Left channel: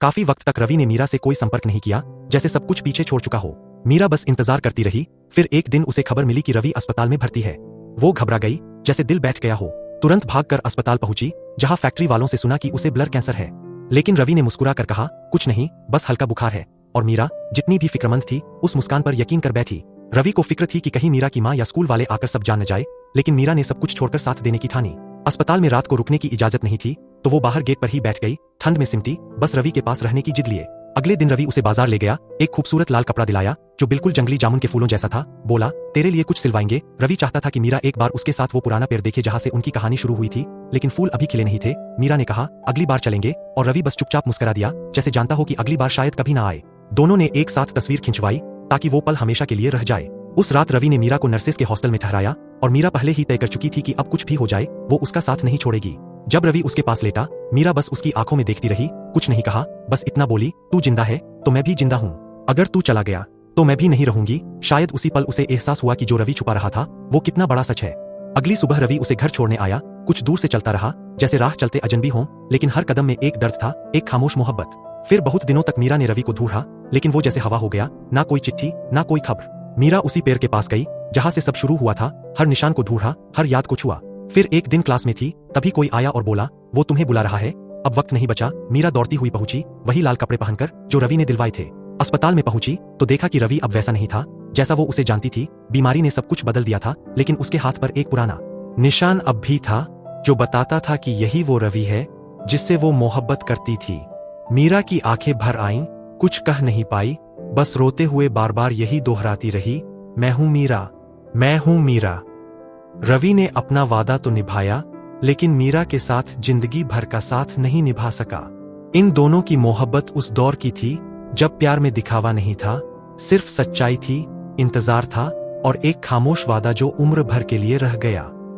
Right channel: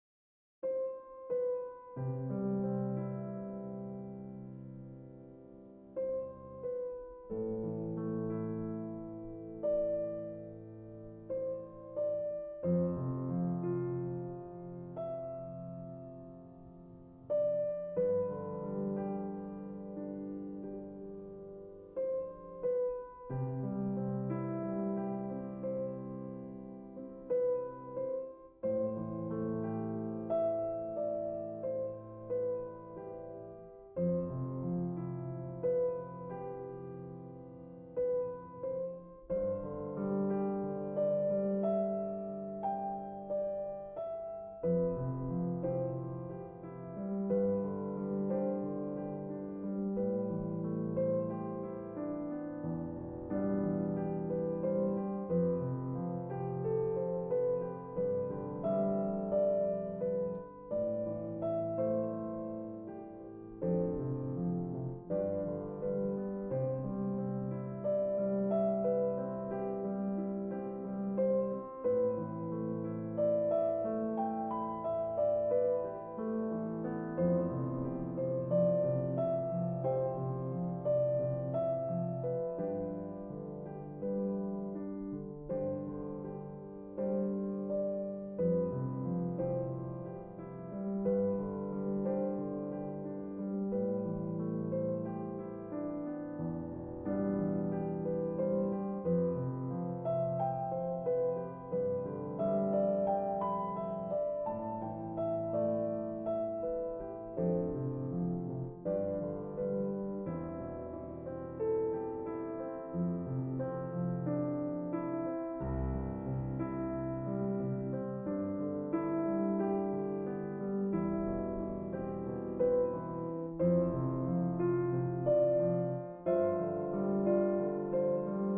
काफी वक्त तक रवि ने मीरा से कोई संपर्क नहीं किया, जैसे सब कुछ पीछे छोड़ चुका हो। मीरा बस इंतजार करती रही। फिर एक दिन उसे खबर मिली कि रवि अस्पताल में भर्ती है। वो घबरा गई, जैसे दिल बैठ गया हो। तुरंत भागकर अस्पताल पहुंची, जहां फैक्ट्री वालों से सुना कि उसे ब्लड कैंसर है। लेकिन रवि ने मुस्कुरा कर कहा, कुछ नहीं, बस हल्का बुखार है। और मीरा, जितनी भी फिक्रमंद थी, उस मुस्कान पर यकीन कर बैठी। रवि को फिक्र थी कि कहीं मीरा की माँ या स्कूल वाले आकर सब जान न जाए, लेकिन मीरा ने सब कुछ छोड़कर साथ देने की ठानी। अस्पताल में रात को रुकने की इजाजत नहीं थी, तो वो बाहर गेट पर ही बैठ गई, ठंड में सिमटी, बस रवि के पास रहने की जिद लिए। अगले दिन रवि उसे बाजार ले गया, एक खूबसूरत लाल कपड़ा दिलाया, जो बिल्कुल जंगली जामुन के फूलों जैसा था। बोला, तेरे लिए कुछ सिलवाएंगे। रवि चाहता था कि मीरा एक बार उसके साथ वो पुराना पेड़ देखे जहां से उनकी कहानी शुरू हुई थी, लेकिन फूल अभी खिले नहीं थे। मीरा ने कहा, अगली बार चलेंगे, और रवि बस चुपचाप मुस्कुरा दिया, जैसे जानता हो कि अगली बार शायद कभी ना आए। दोनों ने एक साथ तस्वीर खिंचवाई, ताकि वो पल हमेशा के लिए रह जाए। उस रात रवि ने मीरा को नर्सेस के हॉस्टल में ठहराया, और मीरा पहले ही तय कर चुकी थी कि अब कुछ भी हो जाए, वो उसका साथ नहीं छोड़ेगी। जब रवि उसके पास लेटा, मीरा बस उसकी आंखों में देखती रही, कुछ नहीं कहा, बस इतना बोली, तू जिंदा है तो मैं भी जिंदा हूँ। अगर तू चला गया तो मैं भी नहीं रहूंगी। शायद उसी पल उसे एहसास हुआ कि जो रवि छुपा रहा था, वो कितना बड़ा सच है। अगली सुबह रवि उसे घर छोड़ने आया, कुछ दूर से चलता रहा, जैसे राह चलते अजनबी हों, लेकिन हर कदम में एक दर्द था, एक खामोश मोहब्बत। फिर बहुत दिनों तक मीरा ने रवि को ढूंढा, लेकिन वो जैसे हवा हो गया, ना कोई चिट्ठी, ना कोई खबर। मीरा उसी पेड़ के पास गई, जहां से सब शुरू हुआ था, हर निशान को ढूंढा, हर याद को छुआ। फिर एक दिन क्लास में थी, तभी कोई आया और बोला, वो तुम्हें बुला रहा है। अब वक्त नहीं बचा। मीरा दौड़ती हुई पहुंची, वही लाल कपड़े पहनकर जो रवि ने दिलवाए थे। अस्पताल में पहुंची तो देखा कि रवि अब वैसा नहीं था जैसा वो उसे जानती थी। बीमारी ने सब कुछ बदल दिया था, लेकिन उसके हाथ पर एक पुराना निशान अब भी था, जो बताता था कि यही वो रवि है जिससे वो मोहब्बत करती थी। मीरा की आंखें भर आईं, कुछ कह नहीं पाई, बस रोते हुए बार बार यही दोहराती रही, मैं हूं मीरा, मैं हूं मीरा। रवि ने अपना वादा तो निभाया, लेकिन मीरा के साथ जिंदगी भर का साथ नहीं निभा सका। इन दोनों की मोहब्बत उस दौर की थी जब प्यार में दिखावा नहीं था, सिर्फ सच्चाई थी, इंतजार था, और एक खामोश वादा जो उम्र भर के लिए रह गया।